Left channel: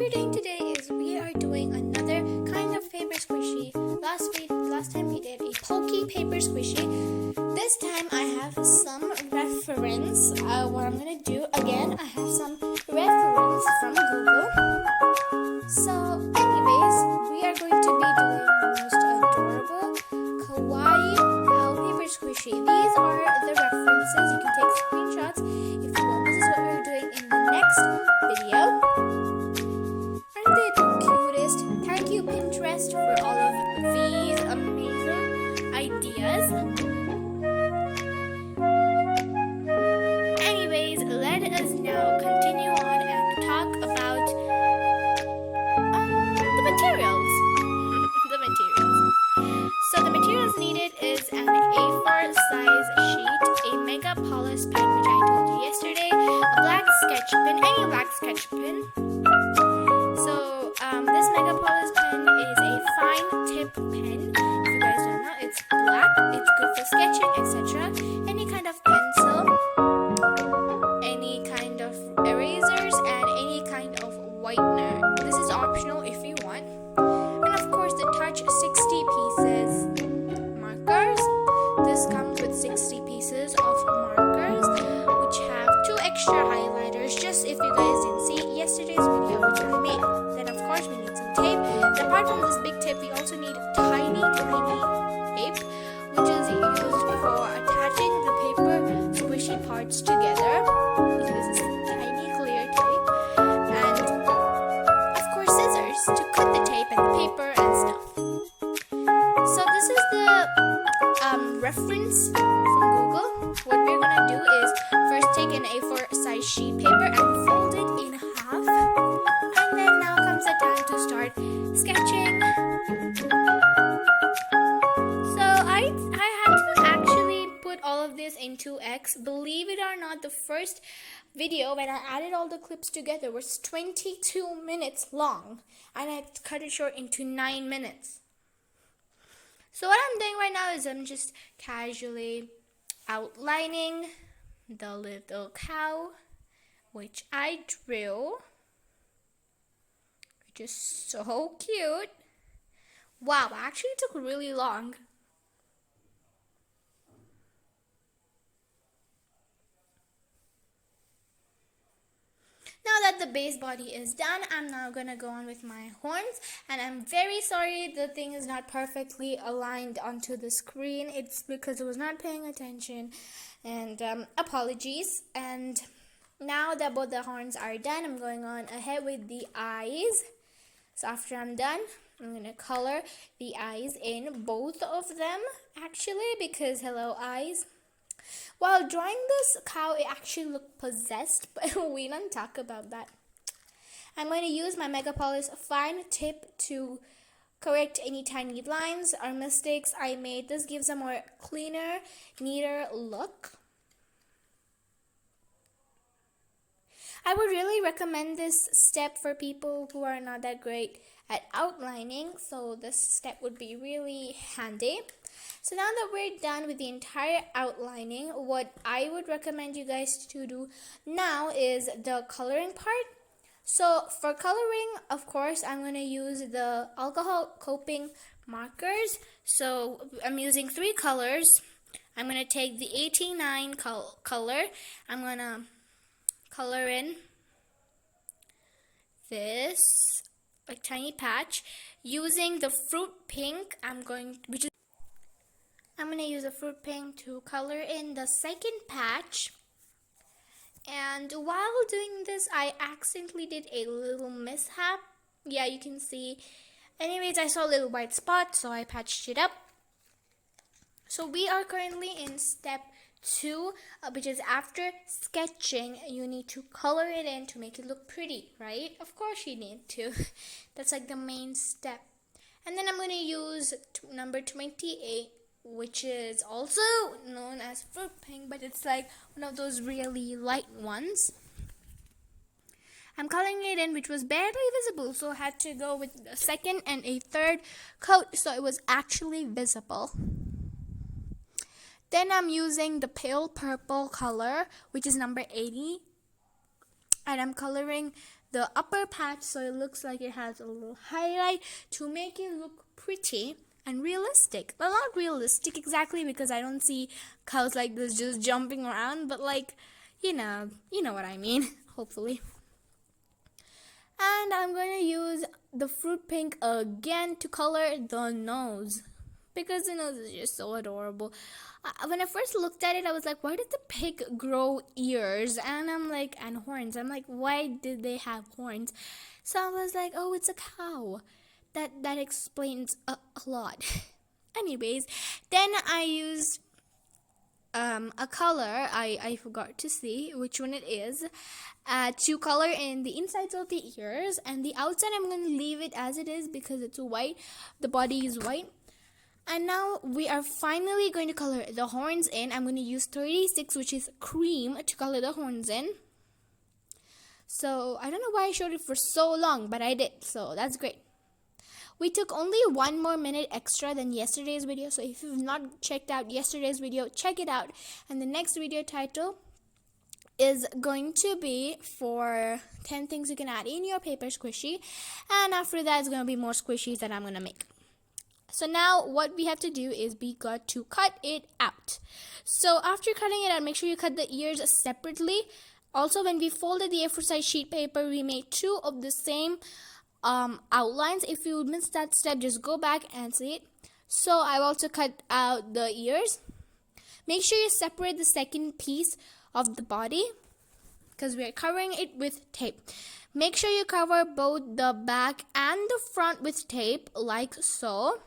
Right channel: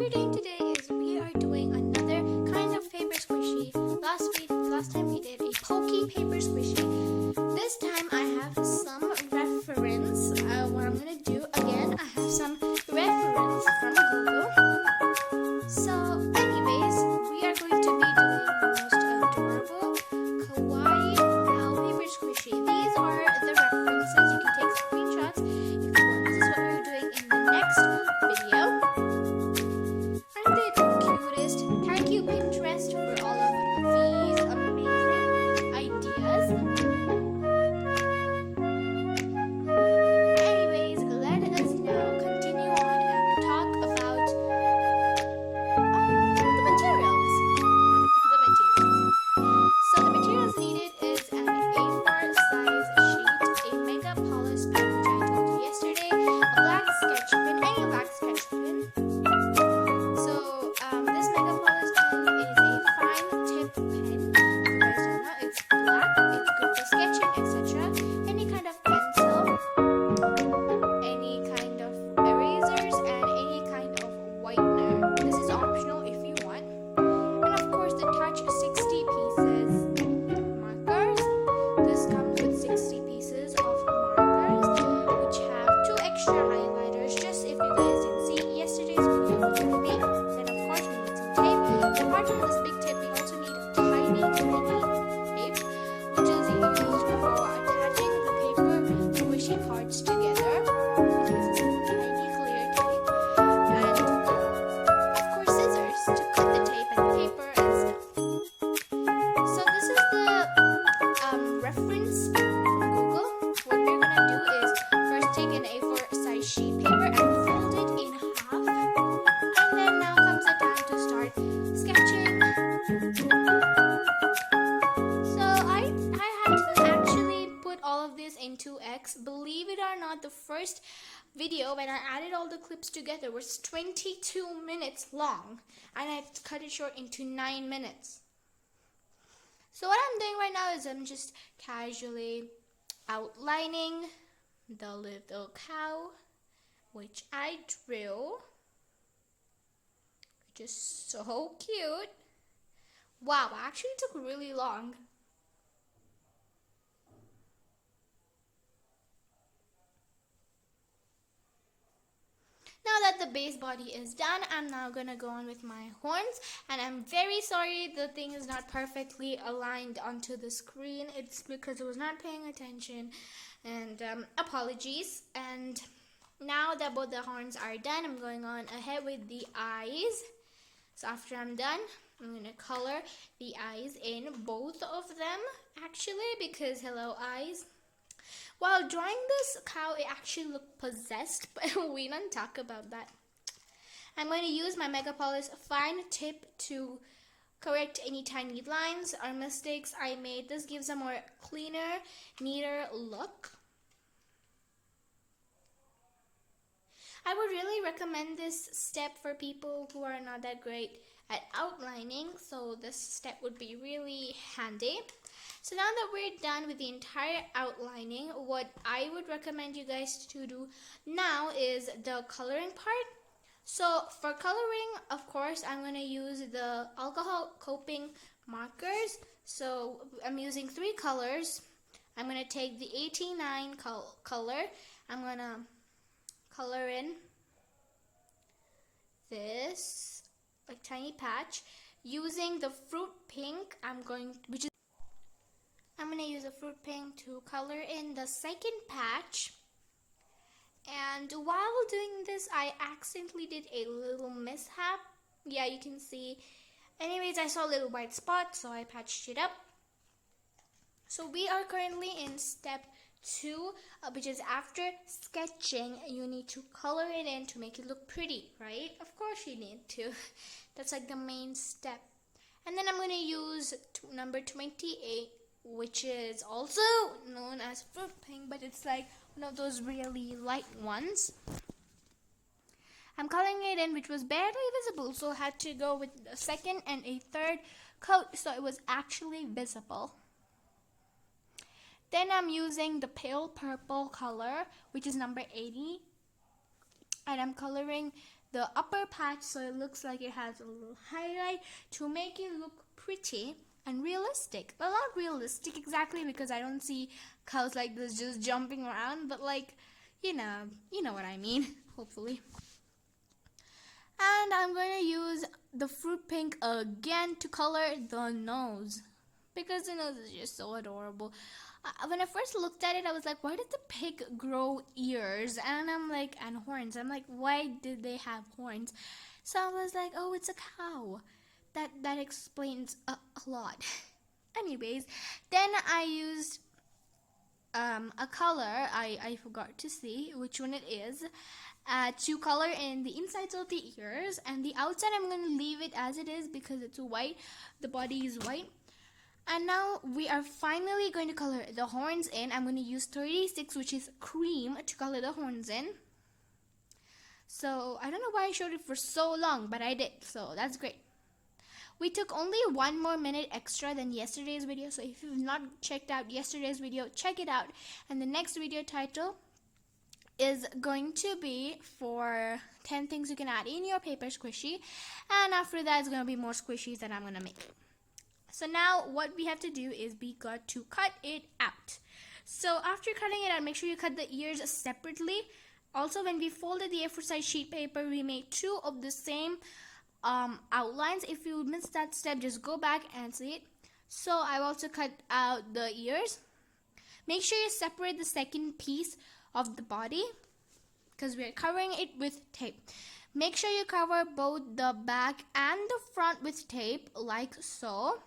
we're doing today is we are doing another kind of paper squishy. Last time we did a pokey paper squishy. This time I have some reference. What I'm gonna do again, I have some reference from Google. So anyways, we are going to be doing the most adorable kawaii paper squishy. These are the references. You can take screenshots if you want. This is what we're doing in the next video. Aren't they the cutest? Thank you, Pinterest, for all of these amazing ideas. Anyways, let us now continue on and talk about the materials. So the materials needed is an A4 size sheet, a mega polish pen, which I told you yesterday, a black sketch pen, any black sketch pen. So this mega polish pen is a fine tip pen. If you guys don't know, it's black, it's good for sketching, etc. Any kind of pencil, any kind of erasers, and any kind of whitener. This is optional if you want. And of course the Touch 60 pieces markers. This comes with 60 pieces of markers, which have 2 extra highlighters, just if you guys didn't see yesterday's video, which I made. Then of course we need some tape. Apart from this big tip, we also need tiny tape, which is used for attaching the paper squishy parts together. It uses tiny clear tape, and of course scissors to cut the tape and paper and stuff. So this is the reference from Google. What we're gonna do is first take an A4 size sheet paper and fold it in half, and then now comes the time to start sketching. So I had to actually put all of this in 2x. Believe it or not, the first video when I added all the clips together was 22 minutes long, and I cut it short into 9 minutes. So what I'm doing right now is I'm just casually outlining the little cow, which I drew, which is so cute. Wow, actually it took really long. Now that the base body is done, I'm now gonna go on with my horns, and I'm very sorry the thing is not perfectly aligned onto the screen. It's because I was not paying attention, and apologies. And now that both the horns are done, I'm going on ahead with the eyes. So after I'm done, I'm gonna color the eyes in, both of them actually, because hello eyes. While drawing this cow, it actually looked possessed, but we don't talk about that. I'm going to use my Mega Polish fine tip to correct any tiny lines or mistakes I made. This gives a more cleaner, neater look. I would really recommend this step for people who are not that great at outlining, so this step would be really handy. So now that we're done with the entire outlining, what I would recommend you guys to do now is the coloring part. So for coloring, of course, I'm going to use the alcohol coping markers. So I'm using 3 colors. I'm going to take the 89 color. I'm going to color in this like tiny patch using the fruit pink. I'm going to use a fruit pink to color in the second patch. And while doing this, I accidentally did a little mishap. Yeah, you can see. Anyways, I saw a little white spot, so I patched it up. So we are currently in step 2, which is after sketching, you need to color it in to make it look pretty, right? Of course you need to. That's like the main step. And then I'm going to use number 28, which is also known as fruit pink, but it's like one of those really light ones. I'm coloring it in, which was barely visible, so I had to go with a second and a third coat so it was actually visible. Then I'm using the pale purple color, which is number 80, and I'm coloring the upper patch so it looks like it has a little highlight to make it look pretty and realistic. Well, not realistic exactly because I don't see cows like this just jumping around, but like, you know what I mean, hopefully. And I'm going to use the fruit pink again to color the nose because the nose is just so adorable. When I first looked at it, I was like, why did the pig grow ears? And I'm like, and horns. I'm like, why did they have horns? So I was like, oh, it's a cow. That explains a lot. Anyways, then I used a color, I forgot to see which one it is, to color in the insides of the ears, and the outside I'm going to leave it as it is because it's white, the body is white. And now we are finally going to color the horns in. I'm going to use 36, which is cream, to color the horns in. So I don't know why I showed it for so long, but I did, so that's great. We took only 1 more minute extra than yesterday's video, so if you've not checked out yesterday's video, check it out. And the next video title is going to be for 10 things you can add in your paper squishy, and after that it's going to be more squishies that I'm going to make. So now what we have to do is we got to cut it out. So after cutting it out, make sure you cut the ears separately. Also, when we folded the A4 size sheet paper, we made 2 of the same outlines. If you missed that step, just go back and see it. So I've also cut out the ears. Make sure you separate the second piece of the body because we're covering it with tape. Make sure you cover both the back and the front with tape like so.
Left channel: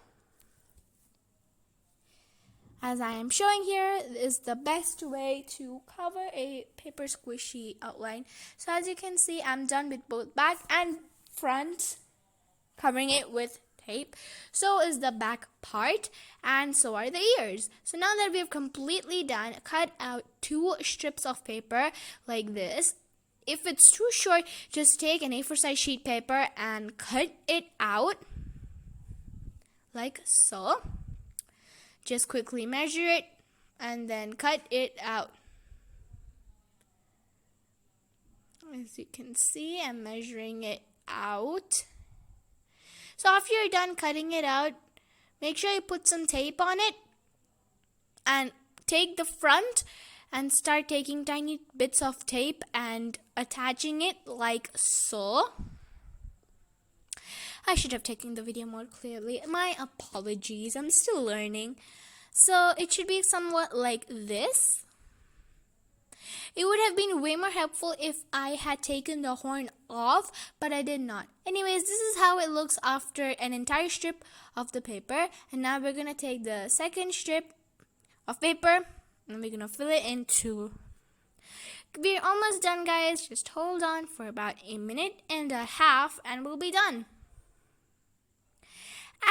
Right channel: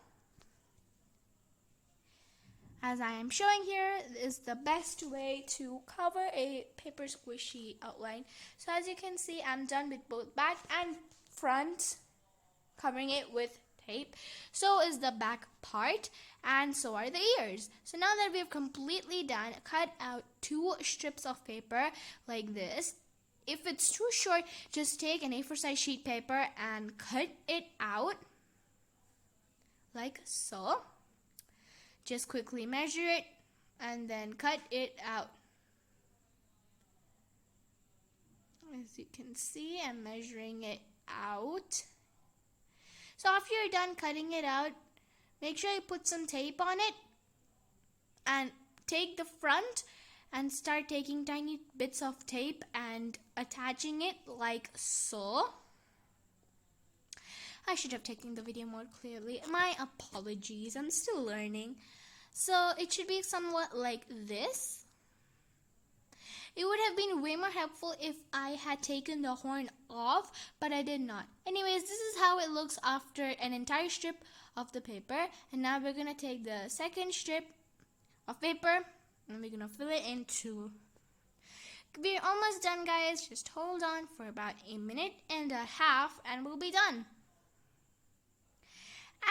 As I am showing here, is the best way to cover a paper squishy outline. So as you can see, I'm done with both back and front, covering it with tape. So is the back part, and so are the ears. So now that we have completely done, cut out 2 strips of paper like this. If it's too short, just take an A4 size sheet paper and cut it out like so. Just quickly measure it and then cut it out. As you can see, I'm measuring it out. So after you're done cutting it out, make sure you put some tape on it and take the front and start taking tiny bits of tape and attaching it like so. I should have taken the video more clearly. My apologies, I'm still learning. So it should be somewhat like this. It would have been way more helpful if I had taken the horn off, but I did not. Anyways, this is how it looks after an entire strip of the paper. And now we're going to take the second strip of paper and we're going to fill it into. We're almost done, guys. Just hold on for about 1.5 minutes and we'll be done.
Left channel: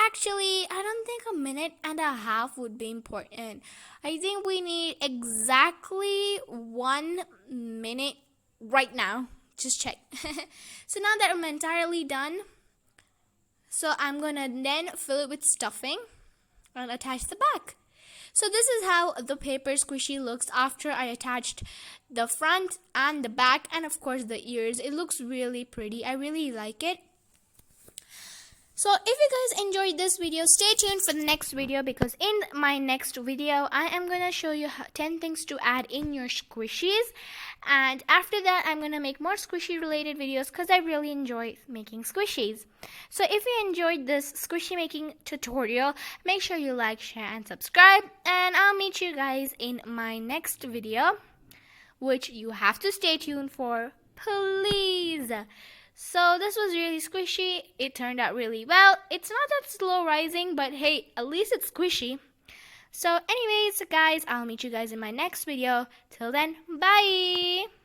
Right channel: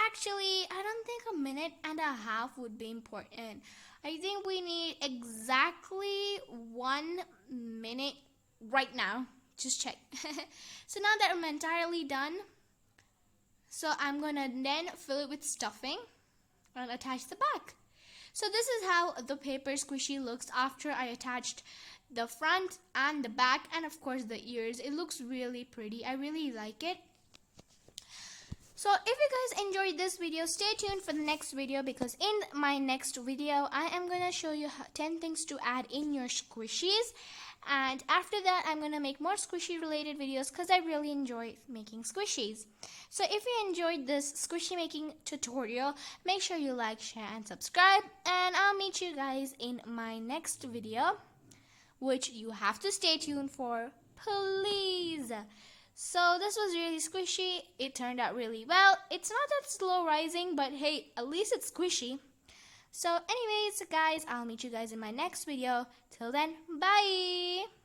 Actually, I don't think 1.5 minutes would be important. I think we need exactly 1 minute right now. Just check. So now that I'm entirely done, so I'm gonna then fill it with stuffing and attach the back. So this is how the paper squishy looks after I attached the front and the back and of course the ears. It looks really pretty. I really like it. So if you guys enjoyed this video, stay tuned for the next video because in my next video, I am going to show you 10 things to add in your squishies. And after that, I'm going to make more squishy related videos because I really enjoy making squishies. So if you enjoyed this squishy making tutorial, make sure you like, share, and subscribe. And I'll meet you guys in my next video, which you have to stay tuned for, please. So this was really squishy. It turned out really well. It's not that slow rising, but hey, at least it's squishy. So anyways, guys, I'll meet you guys in my next video. Till then, bye!